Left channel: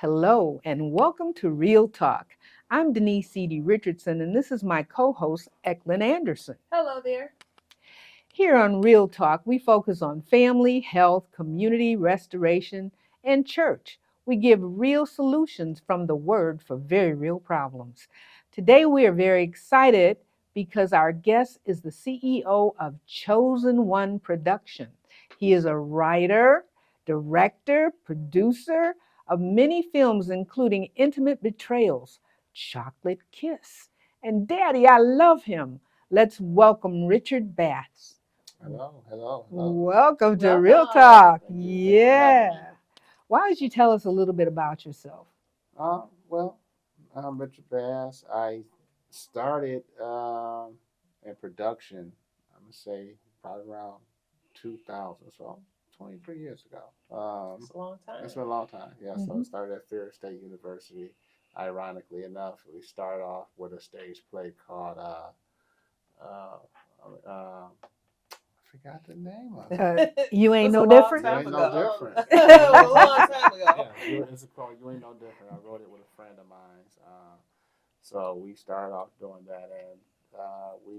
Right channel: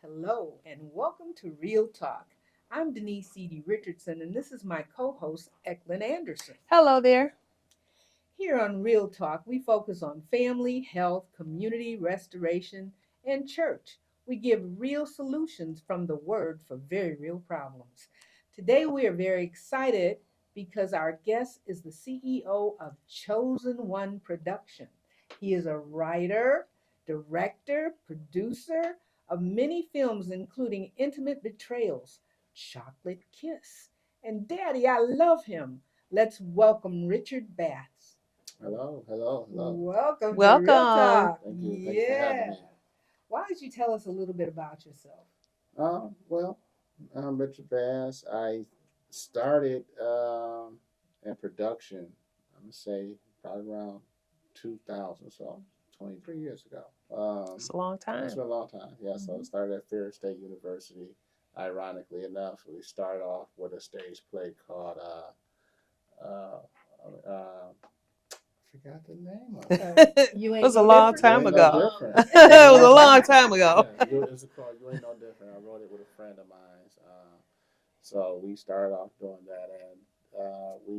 Hello, and welcome to Real Talk. I'm Denise C.D. Richardson, and this is my co host, Eklund Anderson. Hello there. Here on Real Talk, we focus on family, health, community restoration, and church. We give real solutions from the Word for very real problems. Today, we are very excited because our guest is the CEO of Chosen One Production. He is a writer, director, producer of many films, including Intimate Betrayals, Chocolate Kiss, and Daddy, I Love Him. Let's welcome Richard Bass. Hello, hello, hello. Welcome to Real Welcome. Talk. Thanks for having Yeah. me. Why don't you tell us a little bit about yourself? Well, I'm Richard Bass. I started in production, I'm gonna say probably around 2000, so 23 years ago. It's a long That's time. been a long time. Yeah, so I Mhm. started at Ferris State University. Ironically enough, we started off with a stage play called uh, I forgot the name of it. It You ain't was a no long different? You time ain't no ago. different. It was a long time ago. Yeah, it's called You Ain't No Different. I wrote it with a friend of mine. So we started off doing that, and we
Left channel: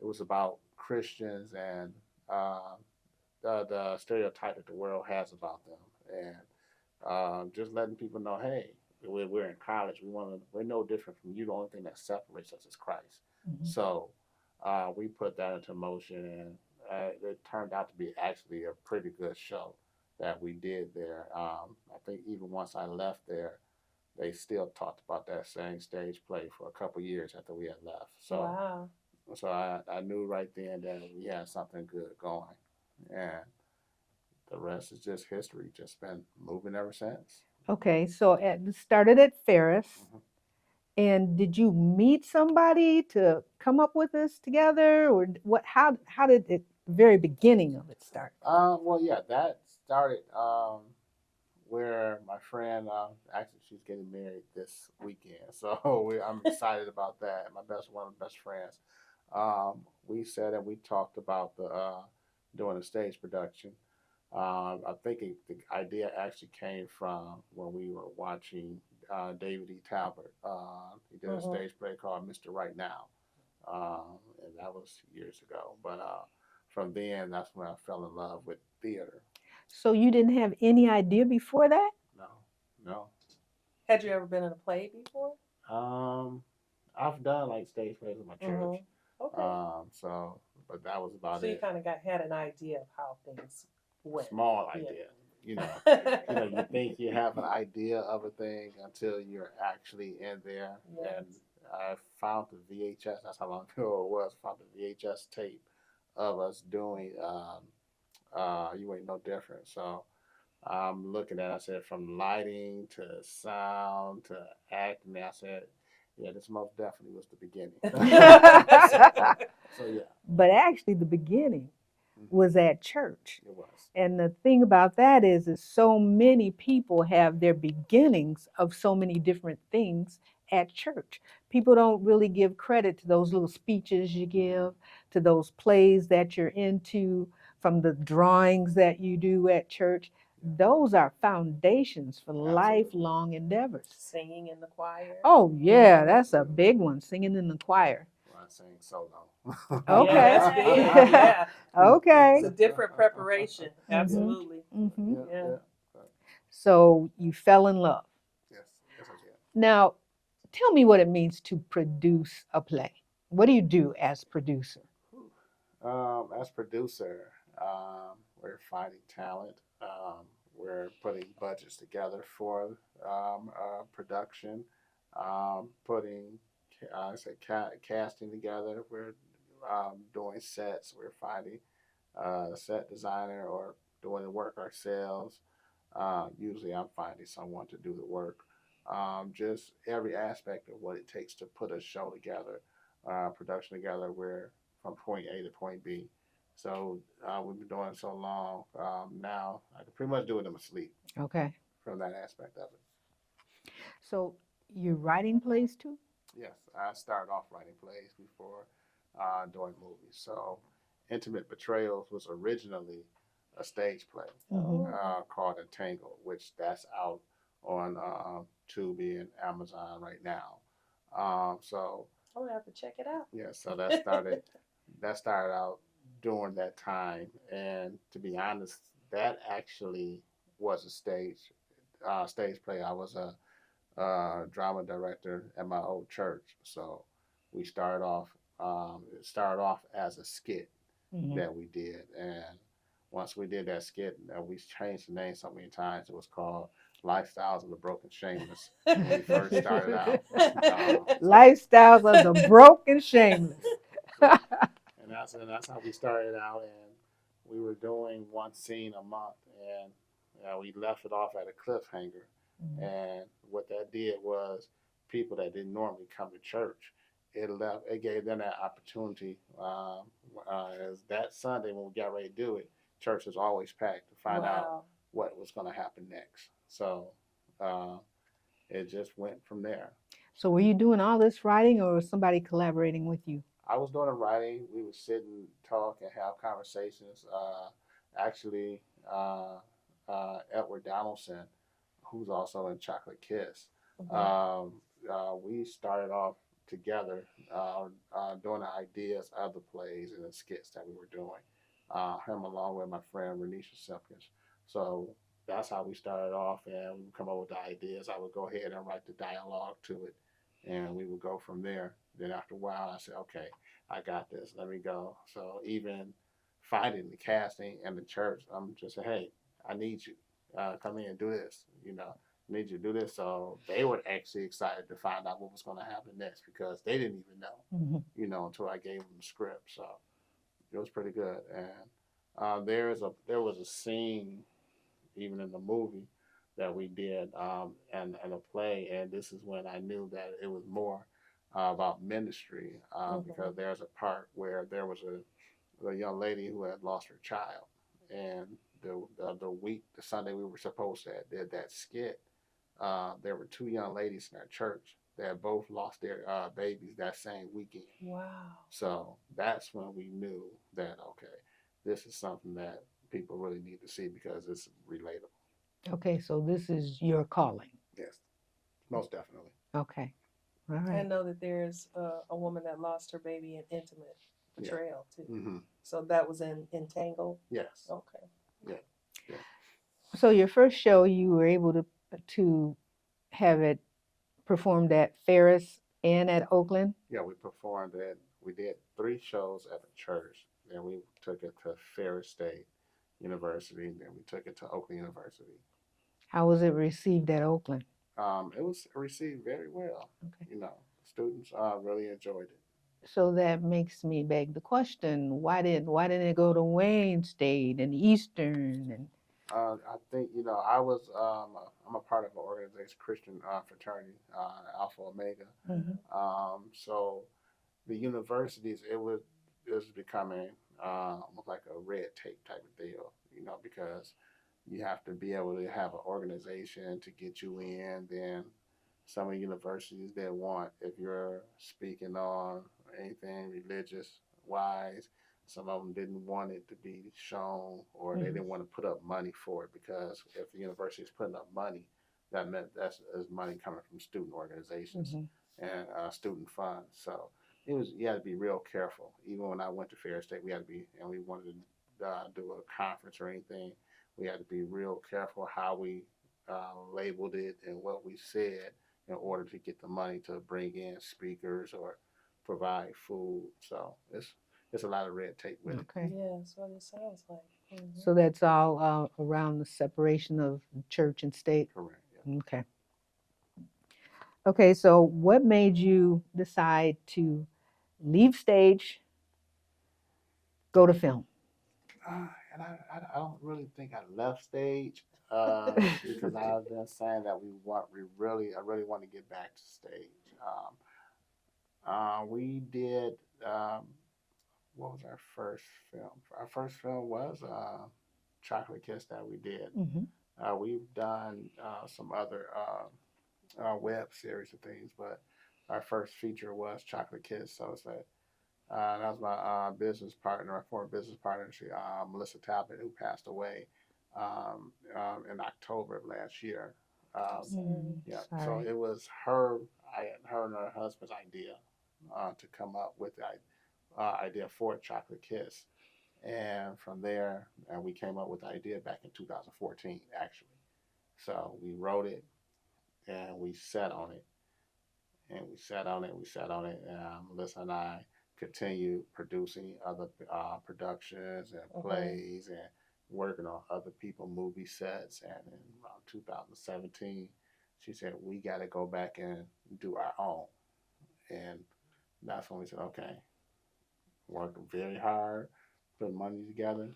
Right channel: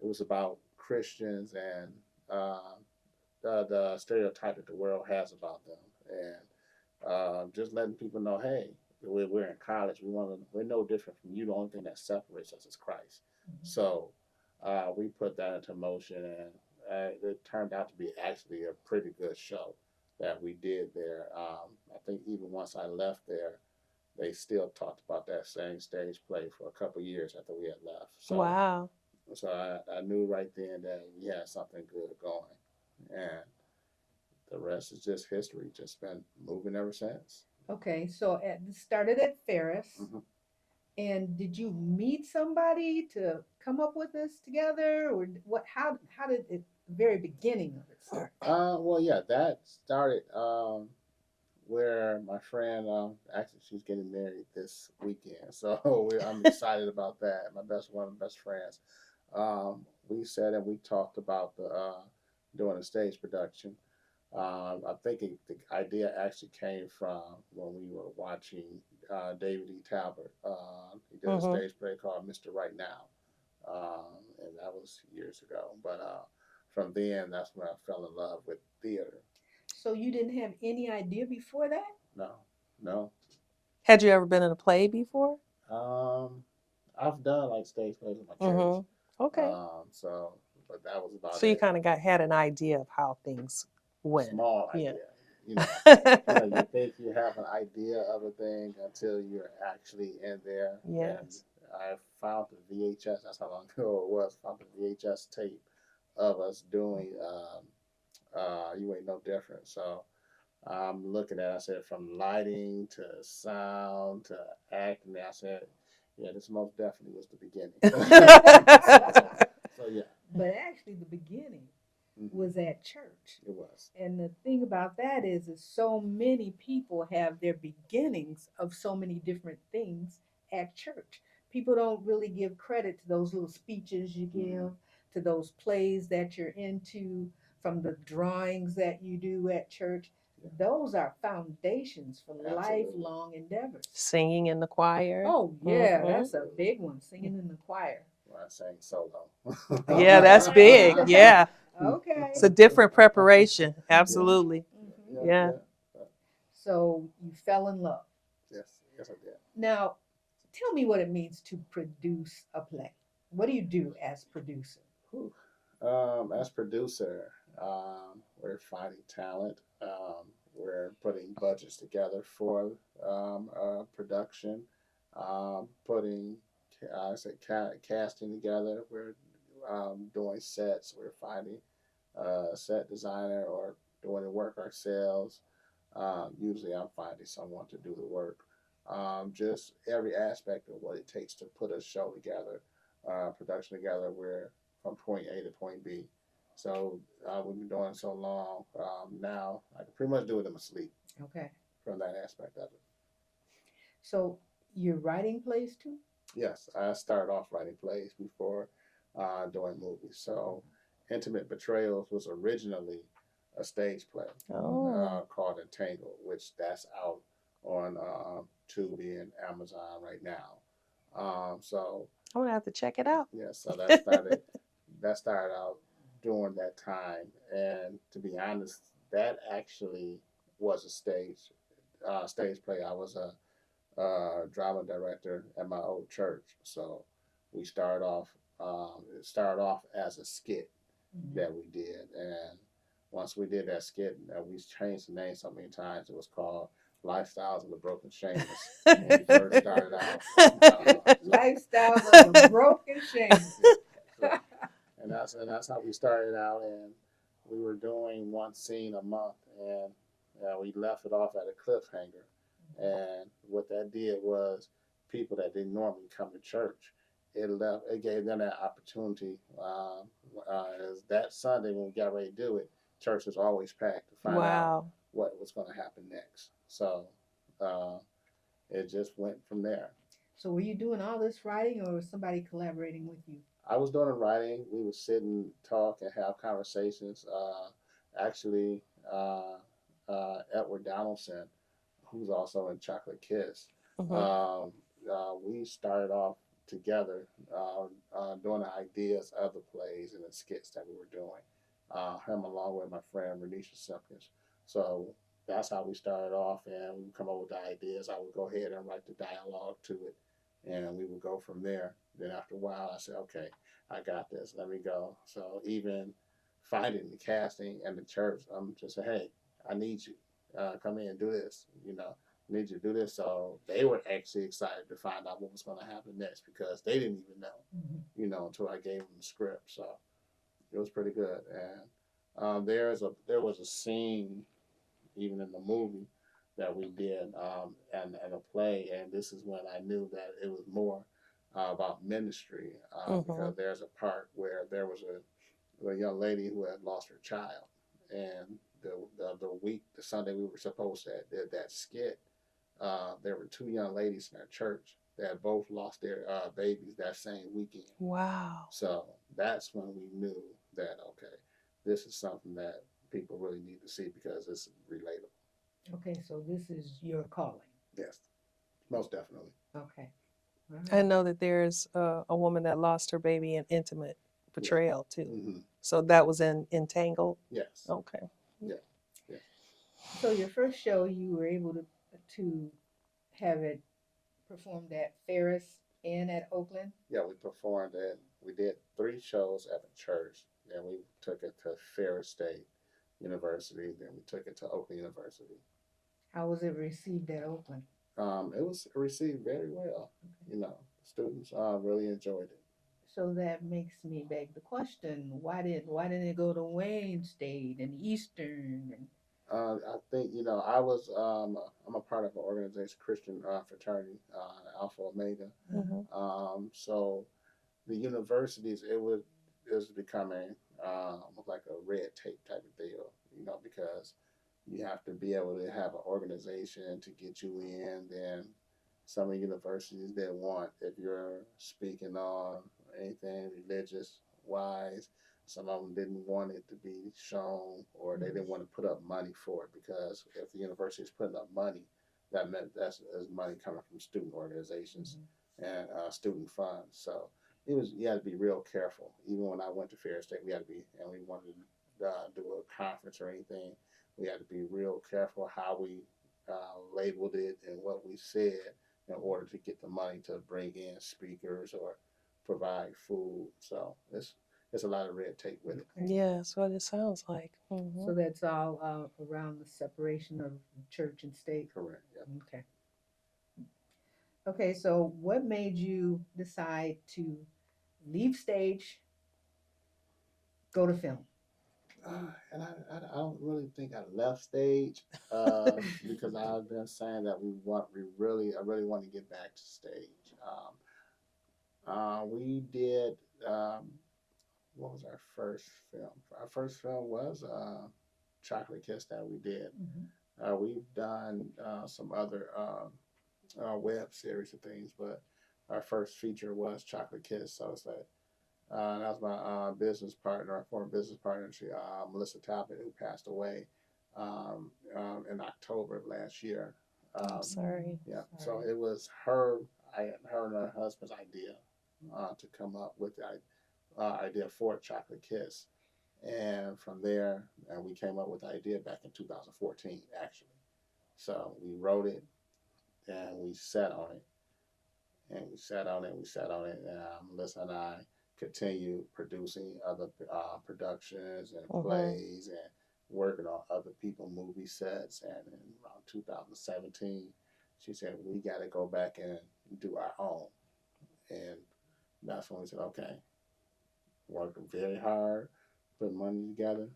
it was about Christians and the stereotype that the world has about them, and just letting people know, hey, we're in college. We're no different from you. The only thing that separates us is Christ. Mhm. So we put that into motion, and it turned out to be actually a pretty good show that we did there. I think even once I left there, they still talked about that same stage play for a couple years after we had left. Wow. So I knew right then that we had something good going, and the rest is just history. Just been moving ever since. Okay, so started at Ferris, Hmm. and did you meet somebody to come up with this together, or what? How did the very beginning of it start? Well, yeah, that started where my friend, actually, she's getting married this weekend, so I'm excited about that. My best one of my best friends. We said and we talked about the doing a stage production. I think the idea actually came from when we were watching David E. Talbot. He did a Hmm. stage play called Mr. Right Now, and that was years ago. But from then, that's when I fell in love with theater. So you didn't have any idea before that? No, no. Had you ever been in a play before? Um, I've done like stage plays in my church. Hmm. Okay. So, but that was about So you it. kind of got had an idea of how things went. Small Yeah. idea, you know. You think you have an idea of a thing until you're actually in there. And Yes. I found the VHS. That's how long ago it was. Found the VHS tape of us doing You Ain't No Different. So I'm looking at. I said from lighting to sound to acting. I said, yeah, this most definitely was the beginning. So yeah, But actually, the beginning hmm, was at church. it was. And the thing about that is so many people have their beginnings of so many different things at church. People don't really give credit to those little speeches you Hmm. give, to those plays that you're into, from the drawings that you do at church. Yeah, Those are foundations for absolutely. lifelong endeavors. Singing in the choir. Oh, yeah, Hmm. that's a Absolutely. big one, singing in the choir. When I sang solo. Yeah, Okay. that's big. Yeah. It's Okay. a different preparation. Hmm. Absolutely. Hmm. Yeah, Yeah. yeah. So you fell in love. Yes, yes, I did. Now, tell me what it means to produce a play. What do you do as producer? Whew. As producer, we're finding talent. We're putting budgets together for production. Putting, I said, casting together. We're doing sets. We're finding a set designer or doing the work ourselves. Usually, I'm finding someone to do the work. Just every aspect of what it takes to put a show together, production together. We're from point A to point B. So we've been doing it so long. Now I can pretty much do it in my sleep Okay. from that aspect of it. So you're writing plays too? Yes, I started off writing plays before doing movies. So Intimate Betrayals was originally a stage play Mm-hmm. Oh. called Entangled, which that's out on Tubi and Amazon right now. So I'm gonna have to check it out. yeah, so that started out during that time, and to be honest, that actually was a stage play. I was a drama director at my old church, so we started off. It started off as a skit Mhm. that we did, and once we did that skit, we changed the name so many times. It was called "Lifestyles of the Broken Shameless" when we first started out. Lifestyles of the broken shameless. Yeah. So, and that's how we started out, and we were doing one scene a month, and we left it off at a cliffhanger. Mhm. And what that did was people that didn't normally come to church, it gave them that opportunity. As that Sunday when we got ready to do it, church was always packed to find out Wow. what was going to happen next. So uh, it just went from there. So were you doing all this writing or was somebody collaborating with you? I was doing the writing. We would sit and talk and have conversations. Actually, uh, Edward Donaldson, who's also in Chocolate Kiss, Mhm. um, we started off together doing the ideas of the plays and the skits that we were doing. Him along with my friend Renisha Simpkins. So that's how we started off, and we would come up with the ideas. I would go ahead and write the dialogue to it, and we would go from there. Then after a while, I said, okay, I got this. Let me go. So even finding the casting and the church, I'm just saying, hey, I need you. Come in and do this. I need you to do this. So they were actually excited to find out what was going to happen next because they didn't even know, Mhm. until I gave them the script. So it was pretty good. And there was a scene even in the movie that we did and a play, and this is when I knew that it was more about ministry because Mhm. there's a part where there was a young lady who had lost her child, and the Sunday we were supposed to did that skit, there were two young ladies in our church that both lost their babies that same weekend. Wow. So that's when we knew that okay, this is something that people really need to see because it's relatable. Okay, so this is your calling. Yes, most definitely. Okay. All I right. know that there's a woman that lost her baby in intimate Yeah. portrayal too. Mm-hmm. So that was in Entangled. Yes. Okay. Yeah. Yeah. So your first show you were able to have it performed at Ferris and at Oakland. Yeah. We performed it. We did 3 shows at the church. Then we took it to Ferris State University. Then we took it to Oakland University. How was it received at Oakland? It was received very well. Okay. Students really enjoyed it. So that makes me beg the question: why didn't it go to Wayne State and Eastern and I think I'm a part of an organization, Christian fraternity, Alpha Omega. Mhm. So the universities, is becoming like a red tape type of deal, because you have to be able to have an organization to get you in. Then some of the universities that want, if you're speaking on anything religious wise, some of them didn't want it to be shown, or they Mhm. didn't want to put up money for it because if the university is putting up money, that meant that's money coming from student organizations Mhm. and student funds. So you had to be real careful. Even when I went to Fair State, we had to be, and we wanted to do a conference or anything. We had to be real careful how we labeled it and what we said in order to get the money to bring in speakers or provide food. So it's a lot of red tape with it. Okay. Yeah, that's what it sounds like. So that's all around the separation of church and state. Correct. Yeah. Okay. Okay. So what made you decide to leave stage, go to film? And I don't really think I left stage because I've been saying that I really want to get back to stage. We did what was our first film? Our first film was Chocolate Kiss that we did. Mhm. We've done some other web series and things, but our first feature was Chocolate Kiss. So it's like that was my business partner, our former business partner, Melissa Talbot, who passed away in October of last year. I'm sorry. Yeah, so Sorry. it was her and her husband's idea to come up with the idea for Chocolate Kiss, and from there, we came up with the idea back in 2014, actually. So we wrote it and we sat on it, and we sat on it, we sat on it. And Melissa and I continued producing other productions and Mm-hmm. plays and working on other people movie sets. And in around 2017, she said we got to go back and do our own. And that's when we said, okay, working very hard, put money together,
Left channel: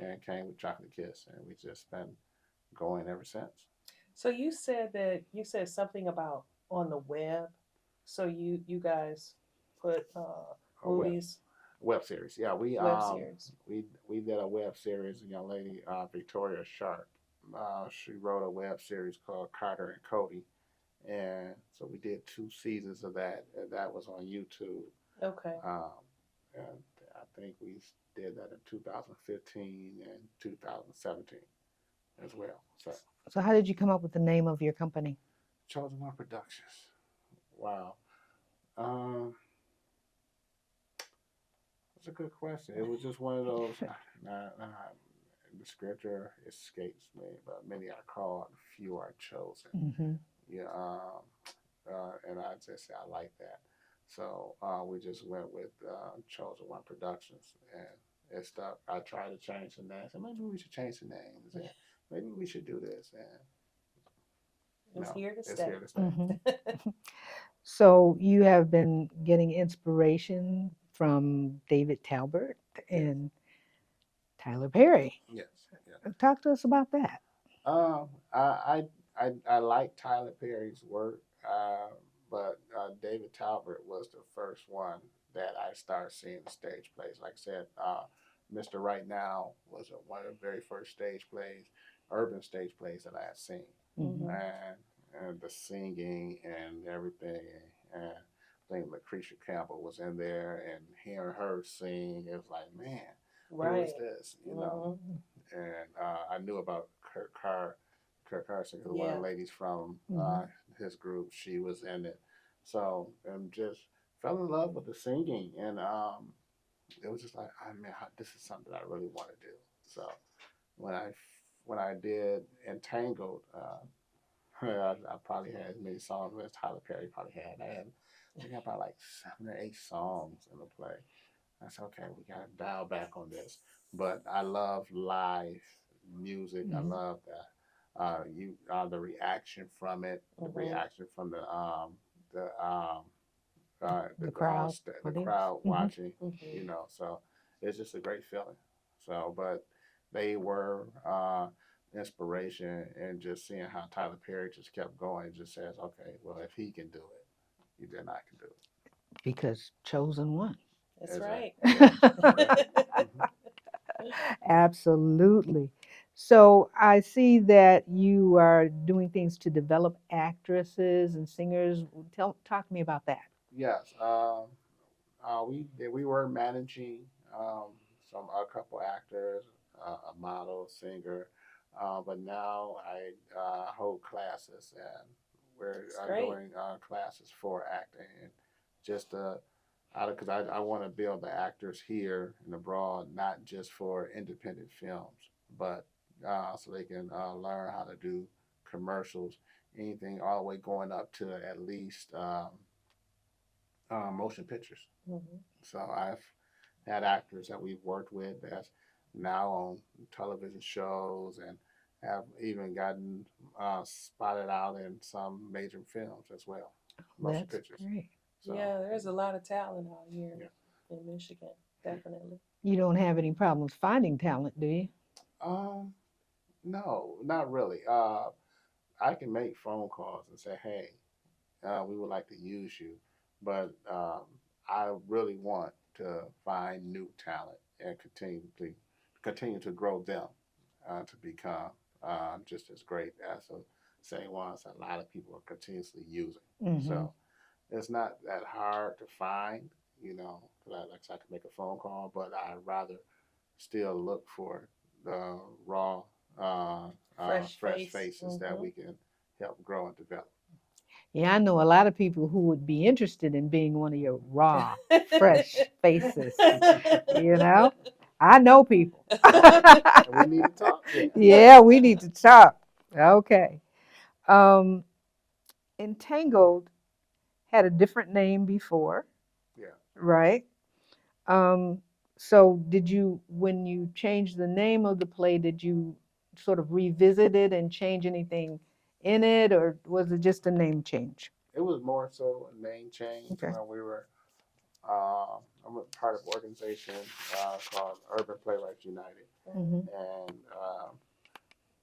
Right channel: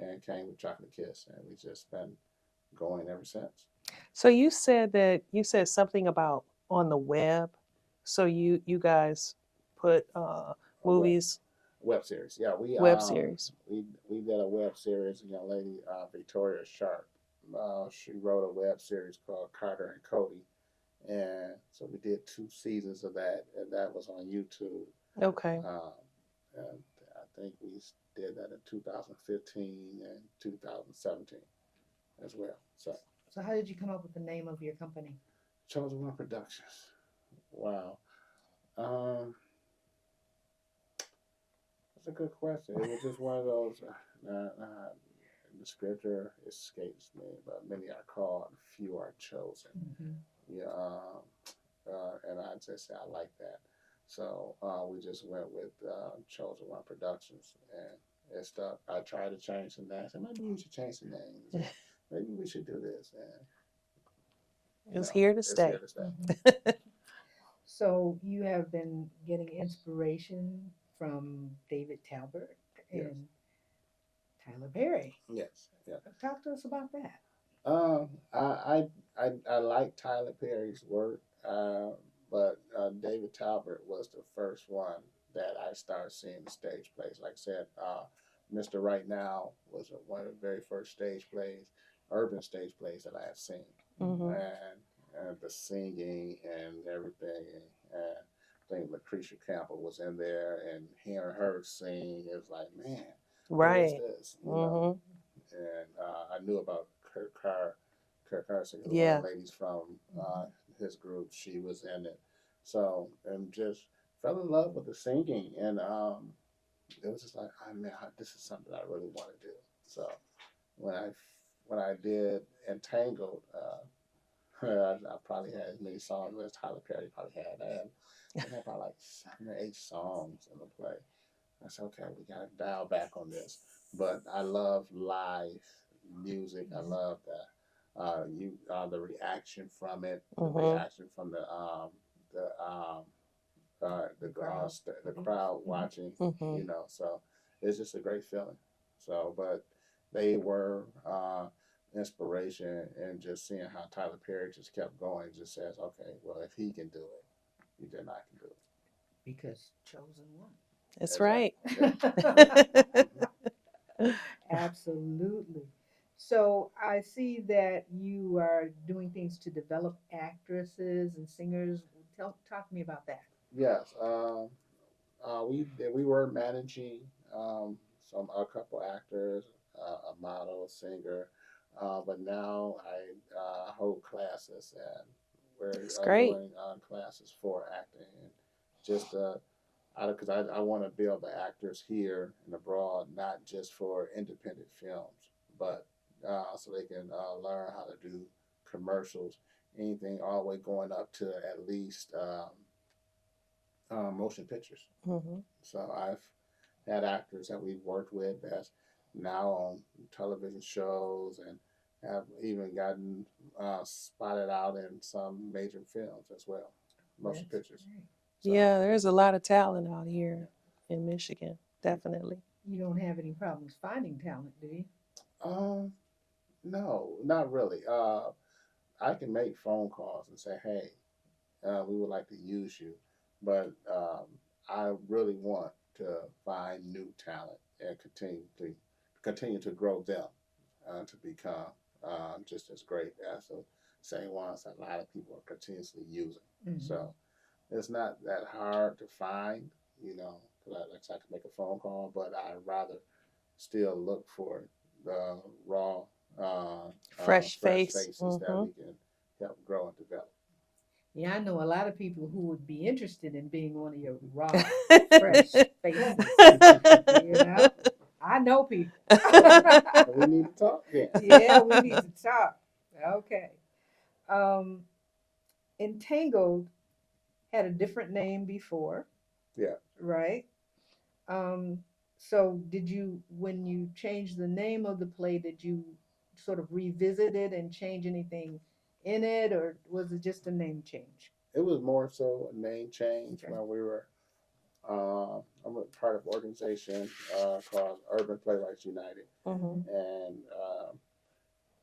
and came with Chocolate Kiss, and we just been going ever since. So you said something about on the web. So you guys put A movies, web series, yeah. We web series. we did a web series. A young lady, Victoria Sharp, she wrote a web series called Carter and Cody, and so we did 2 seasons of that, and that was on YouTube. Okay. Um, and I think we did that in 2015 and 2017 as well. So So, how did you come up with the name of your company? Chosen One Productions. Wow. Um, that's a good question. It was just one of those. The scripture escapes me, but many are called, few are chosen. Mm-hmm. Yeah, and I just say I like that. So we just went with Chosen One Productions, and it stuck. I tried to change the name. I said maybe we should change the name. Maybe we should do this, and It's here to it's stay. here to stay. Mm-hmm. So, you have been getting inspiration from David Talbert Yes, and Tyler Perry. yes, yes. Talk to us about that. Um, I, I like Tyler Perry's work, but David Talbert was the first one that I started seeing the stage plays. Like I said, Mr. Right Now was one of the very first stage plays, urban stage plays that I had seen, Mm-hmm. Hmm. and the singing and everything. And I think Lucretia Campbell was in there, and hearing her sing, it was like, man, who is Right. this? You know, Hmm. and I knew about Kirk Carson, one of Yeah. the ladies from Mm-hmm. his group. She was in it, so and just fell in love with the singing, and it was just like, I mean, this is something I really want to do. So when I when I did Entangled, I probably had as many songs as Tyler Perry probably had. I had about like 7 or 8 songs in the play. I said, okay, we got to dial back on this. But I love live music. I Mm-hmm. love that. The reaction from it, the Hmm. reaction from the The crowd the audience. crowd Mm-hmm. watching. Hmm. So it's just a great feeling. So, but they were inspiration, and just seeing how Tyler Perry just kept going. It just says, okay, well, if he can do it, then I can do Because chosen one. it. That's Exactly. right. Yeah. Yeah. Hmm. Absolutely. So I see that you are doing things to develop actresses and singers. Talk to me about that. Yes. We were managing a couple actors, a model, a singer, but now I hold classes, and we're It's great. doing classes for acting, and just because I want to build the actors here and abroad, not just for independent films, but so they can learn how to do commercials, anything all the way going up to at least motion pictures. Hmm. So I've had actors that we've worked with that's now on television shows, and have even gotten spotted out in some major films as well, motion That's pictures. great. So Yeah, there's a lot of talent out here yeah. in Michigan. Definitely. You don't have any problems finding talent, do you? Um, no, not really. I can make phone calls and say, "Hey, we would like to use you," but I really want to find new talent and continue to grow them to become just as great as the same ones that a lot of people are continuously using. Mm-hmm. So it's not that hard to find, because like I said, I can make a phone call, but I'd rather still look for the raw, Fresh fresh face. faces that Hmm. we can help grow and develop. Yeah, I know a lot of people who would be interested in being one of your raw, fresh faces. You know, I know people. And we need to talk then. Yeah, we need to talk. Okay. Um, Entangled had a different name before, Yeah. right? Um, so did you, when you changed the name of the play, did you sort of revisit it and change anything in it, or was it just a name change? It was more so a name change Okay. when we were. I'm a part of an organization called Urban Playwrights United, Mhm. Hmm. and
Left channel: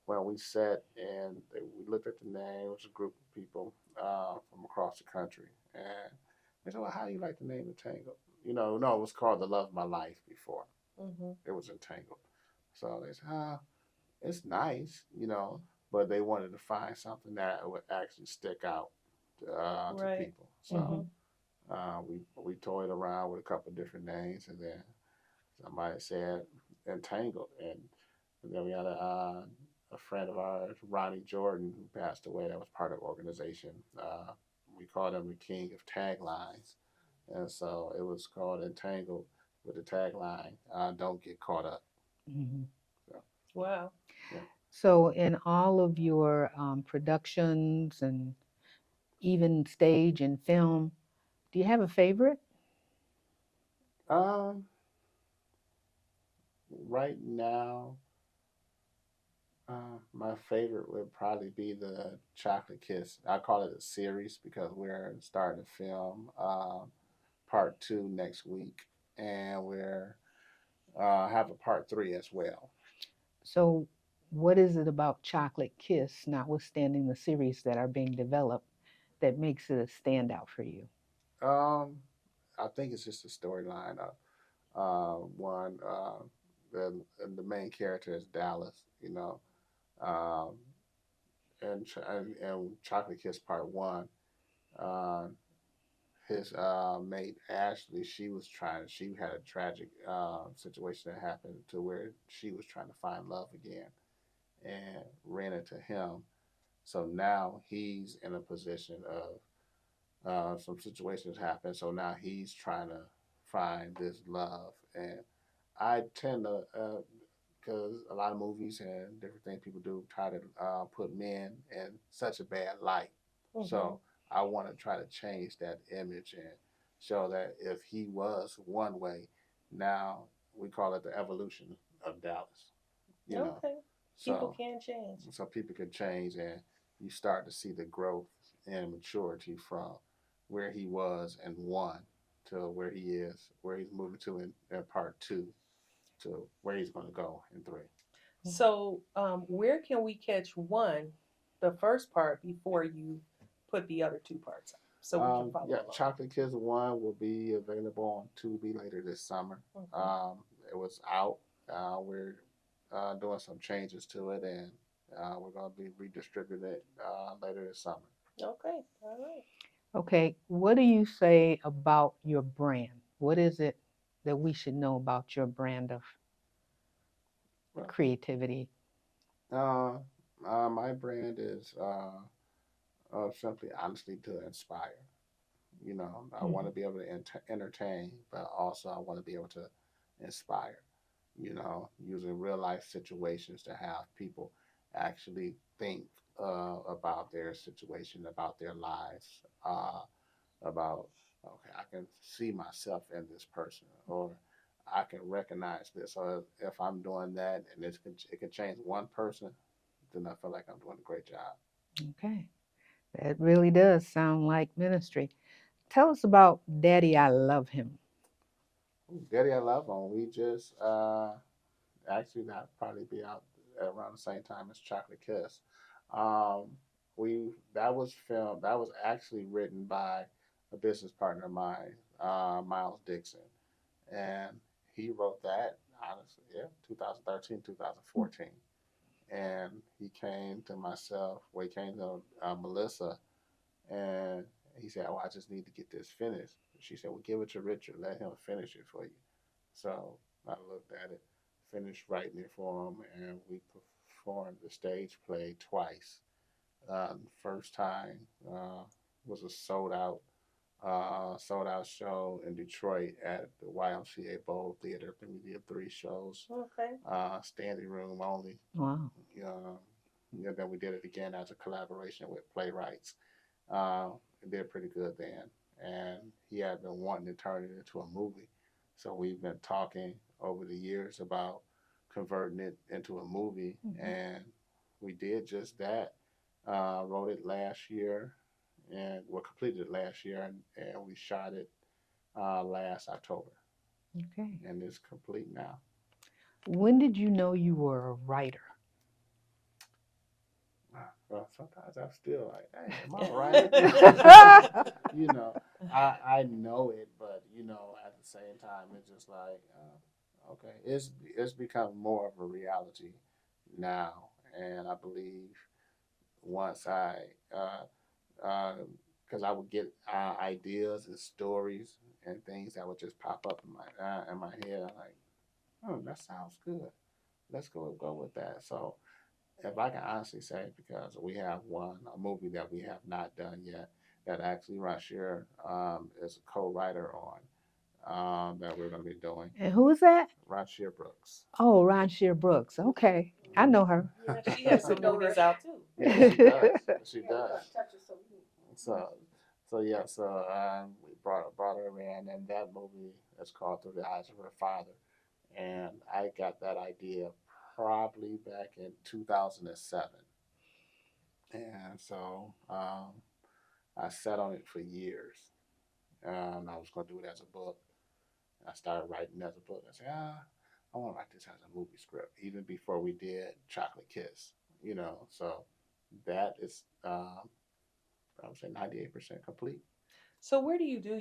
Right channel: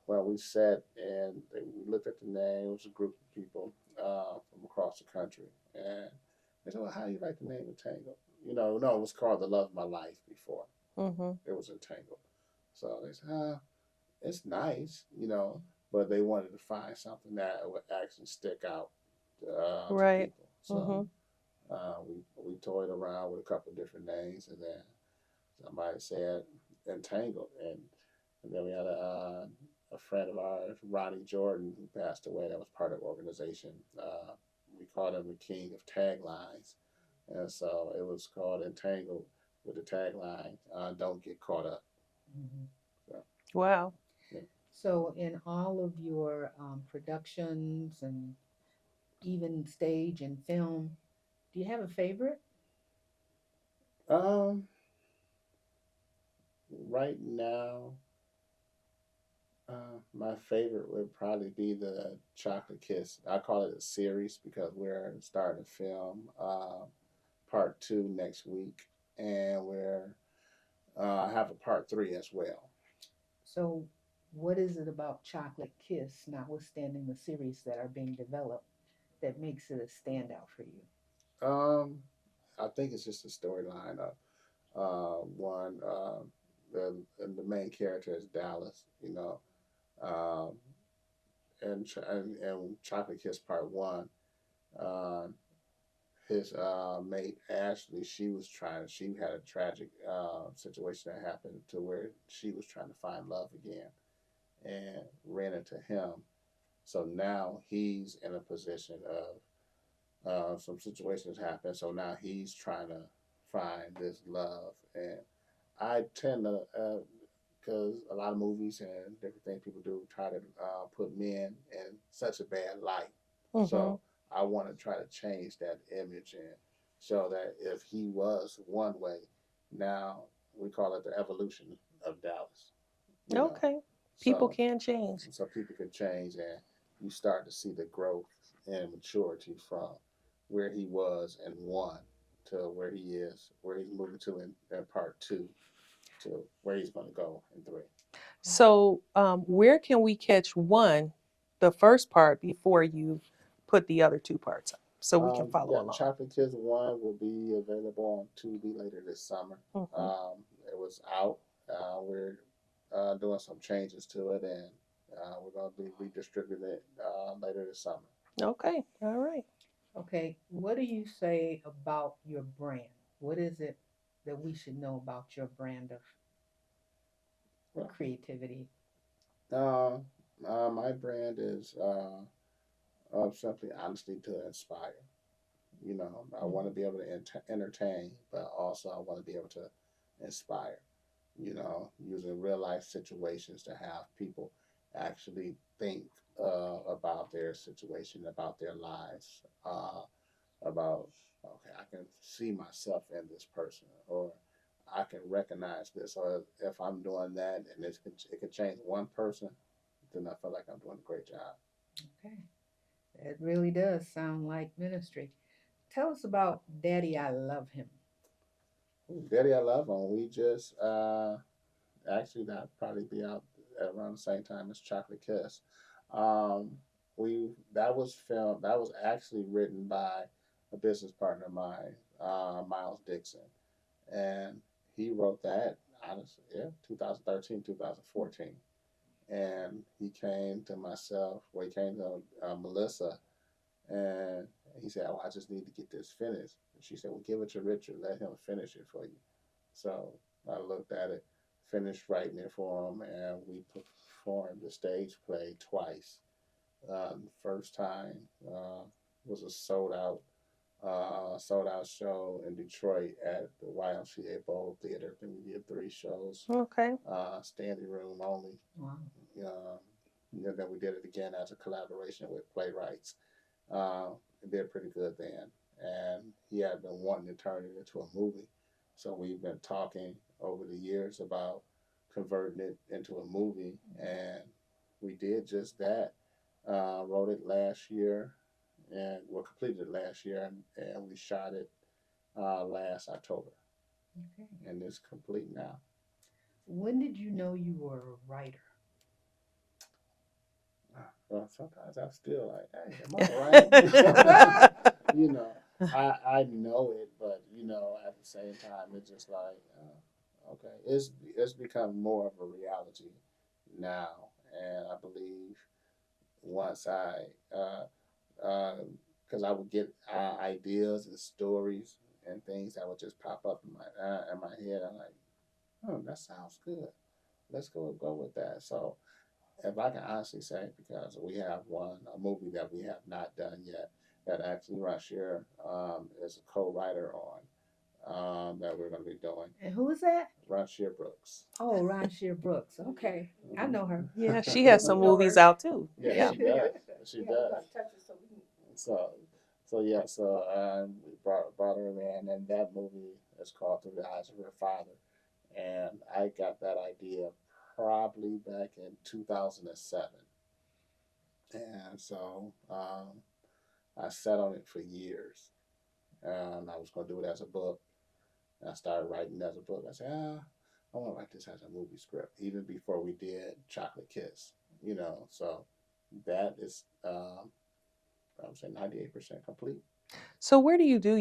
when we sat and we looked at the name, it was a group of people from across the country, and they said, "Well, how do you like the name Entangled?" No, it was called The Love of My Life before. Mhm. It was Entangled. So they said, it's nice, but they wanted to find something that would actually stick out to Right. people. So Mhm. Hmm. we toyed around with a couple of different names, and then somebody said Entangled, and then we had a friend of ours, Ronnie Jordan, who passed away. That was part of the organization. We called him the king of taglines, and so it was called Entangled with the tagline, "Don't get caught up." Hmm. So, Wow. yeah. So in all of your productions and even stage and film, do you have a favorite? Um, right now, my favorite would probably be the Chocolate Kiss. I call it a series because we're starting to film part two next week, and we're have a part three as well. So what is it about Chocolate Kiss, notwithstanding the series that are being developed, that makes it a standout for you? Um, I think it's just a storyline of one. The main character is Dallas, um, and Chocolate Kiss Part One. Uh, his mate Ashley, she had a tragic situation that happened to where she was trying to find love again and ran into him. So now he's in a position of some situations happen. So now he's trying to find this love, and I tend to, because a lot of movies and different things people do try to put men in such a bad light. Mhm. So I want to try to change that image and show that if he was one way, now we call it the evolution of Dallas. You know, Okay. People so can change. so people can change and you start to see the growth and maturity from where he was in one to where he's moving to in part two to where he's going to go in three. So, where can we catch one, the first part, before you put the other two parts up, so we can follow Yeah, along? Chocolate Kids One will be available on Tubi later this summer. Mhm. It was out. We're doing some changes to it, and we're going to be redistributing it later this summer. Okay. All right. Okay, what do you say about your brand? What is it that we should know about your brand of Well, creativity? uh, my brand is simply honesty to inspire. I want to Hmm. be able to entertain, but also I want to be able to inspire. Using real life situations to have people actually think about their situation, about their lives, about, okay, I can see myself in this person, or I can recognize this, or if I'm doing that and it can change one person, then I feel like I'm doing a great job. Okay, that really does sound like ministry. Tell us about Daddy, I Love Him. Ooh, Daddy, I Love Him. We just actually that probably be out at around the same time as Chocolate Kiss. Um, we that was filmed. That was actually written by a business partner of mine, Miles Dixon, and he wrote that. Honestly, yeah, 2013, 2014, and he came to myself. Well, he came to Melissa, and he said, "Oh, I just need to get this finished." She said, "Well, give it to Richard. Let him finish it for you." So I looked at it, finished writing it for him, and we performed the stage play twice. First time was a sold out show in Detroit at the YMCA Bowl Theater. I think we did 3 shows, Okay. standing room only. Wow. Then we did it again as a collaboration with playwrights. Uh, it did pretty good then, and he had been wanting to turn it into a movie. So we've been talking over the years about converting it into a movie, and we did just that. Wrote it last year, and we completed it last year, and we shot it last October, Okay. and it's complete now. When did you know you were a writer? Well, sometimes I'm still like, hey, am I right? I know it, but at the same time, it's just like, okay, it's become more of a reality now, and I believe once uh, because I would get ideas and stories and things that would just pop up in my head. I'm like, that sounds good. Let's go with that. So if I can honestly say, because we have a movie that we have not done yet, that actually Rashir is a co-writer on, that we're going to be doing. And who is that? Rashir Brooks. Oh, Ron Shear Brooks. Okay. I know her. Yeah, she has some movies out too. Yeah, she does. She does. So, we brought her in, and that movie is called Through the Eyes of Her Father, and I got that idea probably back in 2007, and so I sat on it for years, and I was going to do it as a book. And I started writing as a book. I said, I want to write this as a movie script, even before we did Chocolate Kiss. So that is, I would say, 98% complete. So where do you do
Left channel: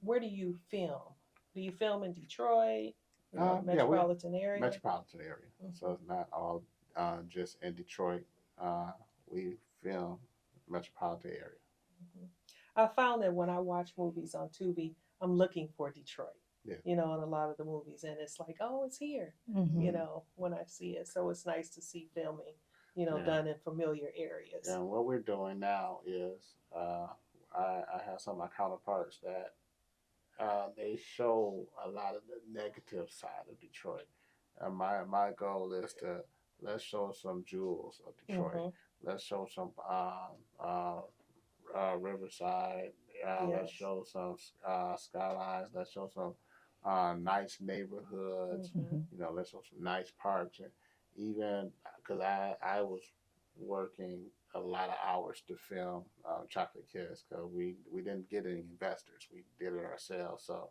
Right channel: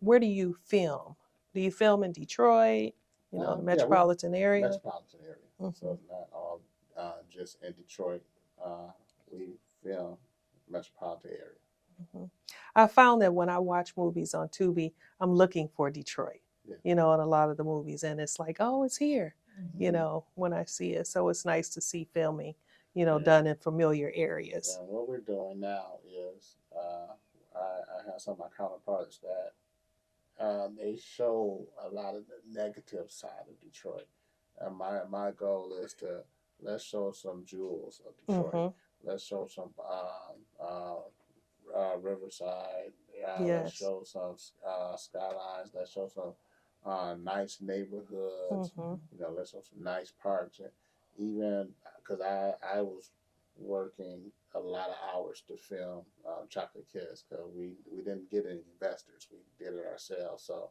where do you film? Do you film in Detroit? The Yeah, metropolitan area? Metropolitan area. So it's not all just in Detroit. We film metropolitan area. Mhm. I found that when I watch movies on Tubi, I'm looking for Detroit. Yeah. In a lot of the movies, and it's like, oh, it's here. When I see it, so it's nice to see filming, done in familiar areas. And what we're doing now is, I have some of my counterparts that they show a lot of the negative side of Detroit. And my goal is to let's show some jewels of Detroit. Let's show some Riverside. Let's Yes. show some skylines. Let's show some nice neighborhoods. Let's show some nice parks. And even because I was working a lot of hours to film Chocolate Kiss, because we didn't get any investors. We did it ourselves. So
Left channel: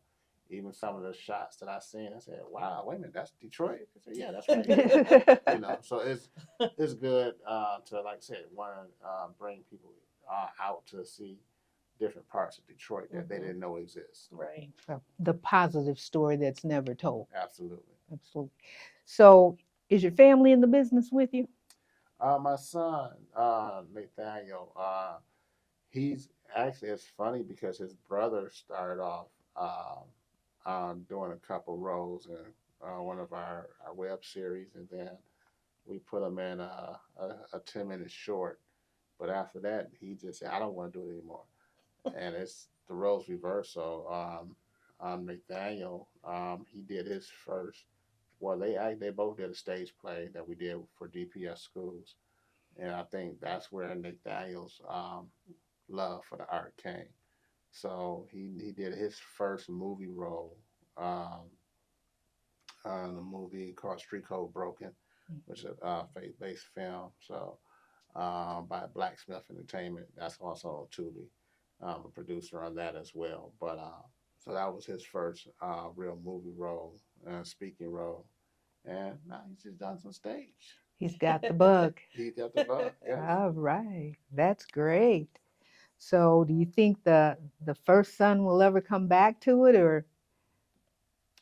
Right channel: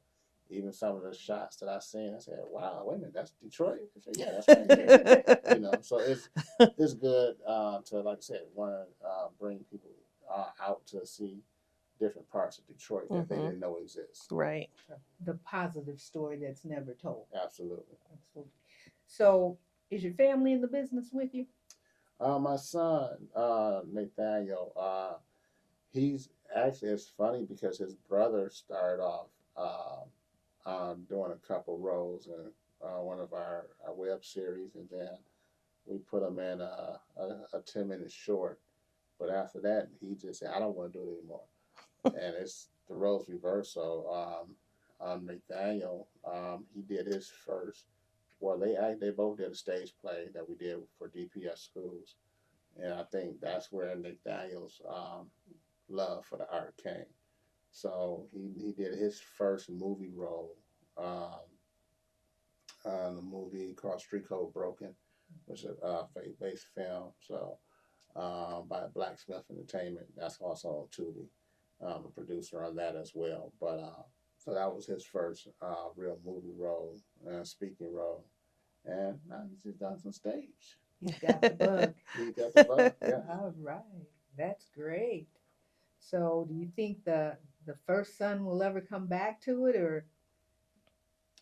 even some of the shots that I seen, I said, "Wow, wait a minute, that's Detroit." I said, "Yeah, that's right here." So it's good to, like I said, want to bring people out to see different parts of Detroit that they didn't know exist. Right. The positive story that's never told. Absolutely. Absolutely. So, is your family in the business with you? My son, Nathaniel, he's actually, it's funny because his brother started off doing a couple roles in one of our web series, and then we put him in a 10-minute short. But after that, he just said, I don't want to do it anymore. And it's the roles reversed. So Nathaniel, he did his first. Well, they both did a stage play that we did for DPS schools, and I think that's where Nathaniel's love for the art came. So he did his first movie role on a movie called Street Code Broken, which is a faith-based film. So by Blacksmith Entertainment, that's also on Tubi. A producer on that as well. But so that was his first real movie role, speaking role, and now he's just done some stage. He's got the bug. He got the bug. Yes. All right. That's great. So, do you think the first son will ever come back to it, or?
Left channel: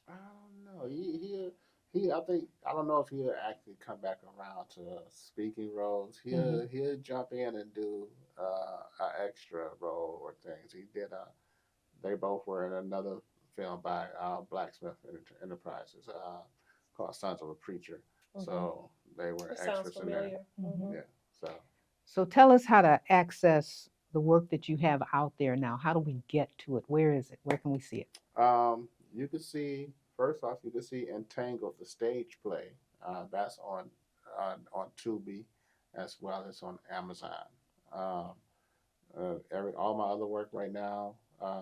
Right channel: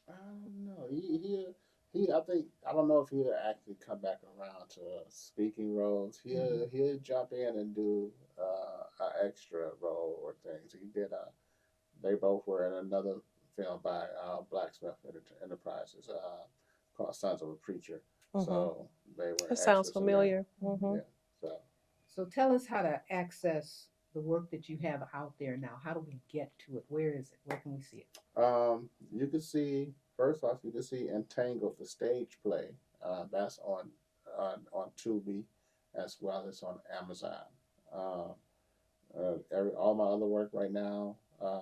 I don't know. I think I don't know if he'll actually come back around to speaking roles. He'll jump in and do an extra role or things. He did. They both were in another film by Blacksmith Enterprises called Sons of a Preacher. So they were. It sounds extras in there. familiar. Yeah. So So tell us how to access the work that you have out there now. How do we get to it? Where is it? Where can we see it? You can see first off, you can see Entangled, the stage play. That's on Tubi as well as on Amazon. Um, all my other work right now, like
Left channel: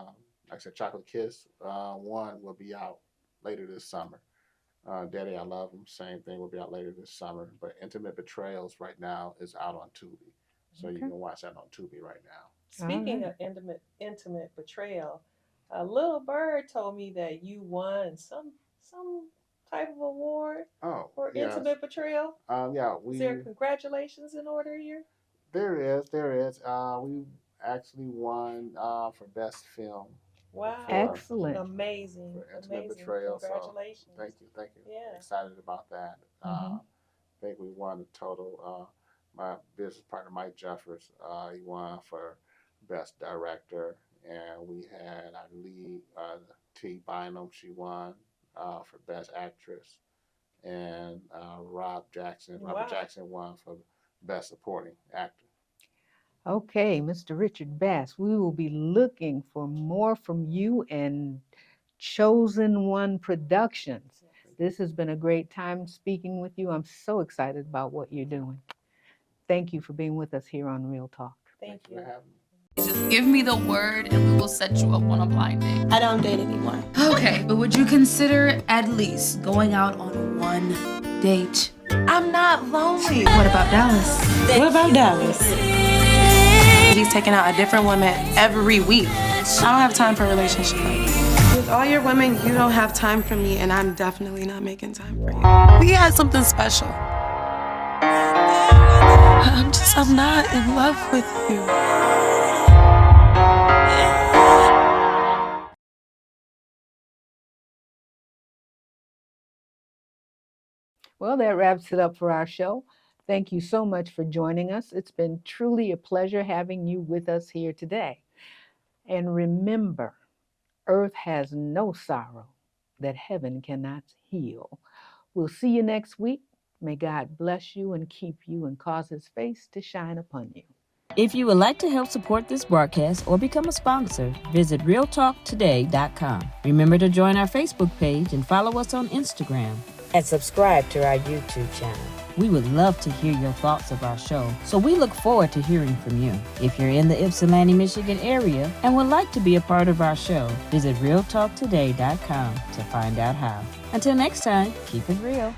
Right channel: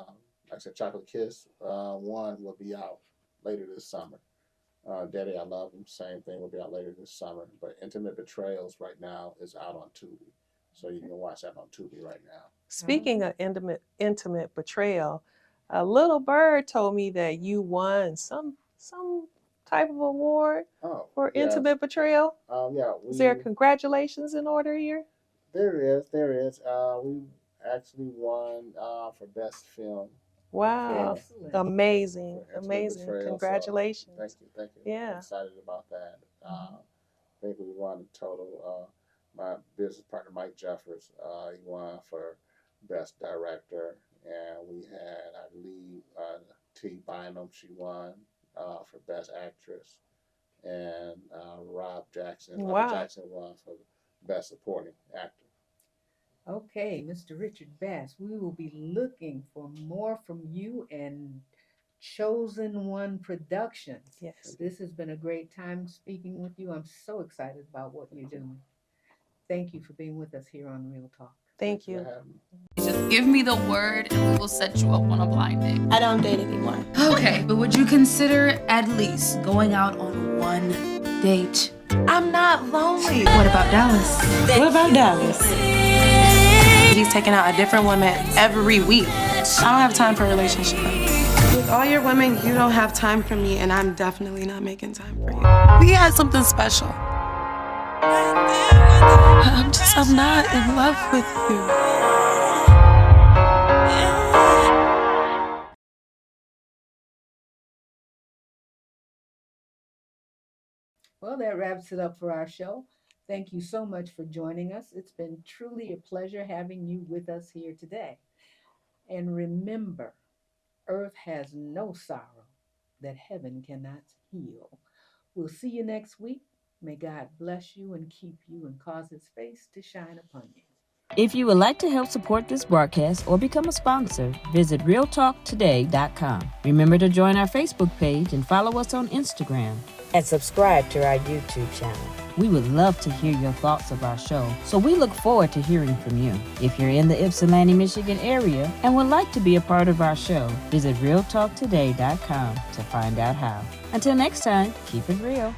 I said, Chocolate Kiss one will be out later this summer. Daddy, I Love Him, same thing will be out later this summer. But Intimate Betrayals right now is out on Tubi, so you Okay. can watch that on Tubi right now. Speaking right. of intimate betrayal, a little bird told me that you won some type of award Oh, for yes. intimate betrayal. Yeah, Is there congratulations in order here? there is. We actually won for best film. Wow. Excellent. Amazing. For Intimate Amazing. Betrayal. Congratulations. So thank you. Yeah. I'm excited about that. Mhm. I think we won a total. My business partner Mike Jeffers, he won for best director, and we had our lead T Bynum. She won for best actress, and Robert Wow. Jackson won for best supporting actor. Okay, Mr. Richard Bass, we will be looking for more from you and Chosen One Productions. Yes. This has been a great time speaking with you. I'm so excited about what you're doing. Thank you for being with us here on Real Talk. Thank you. For having me. Just give me the word and we will set you up on a blind date. I don't date anymore. Okay, but would you consider at least going out on one date? I'm not lonely. What about Dallas? What about Dallas? He's taking out a different woman every week. I don't have time for a relationship. With all your women, you don't have time for me, and I'm definitely not making time for you. We had something special. I'm not in love with you. Well, that wraps it up for our show. Thank you so much for joining us. It's been truly a pleasure having you with us here today. And remember, earth has no sorrow that heaven cannot heal. We'll see you next week. May God bless you and keep you and cause his face to shine upon you. If you would like to help support this broadcast or become a sponsor, visit realtalktoday.com. Remember to join our Facebook page and follow us on Instagram. And subscribe to our YouTube channel. We would love to hear your thoughts of our show, so we look forward to hearing from you. If you're in the Ypsilanti, Michigan area and would like to be a part of our show, visit realtalktoday.com to find out how. Until next time, keep it real.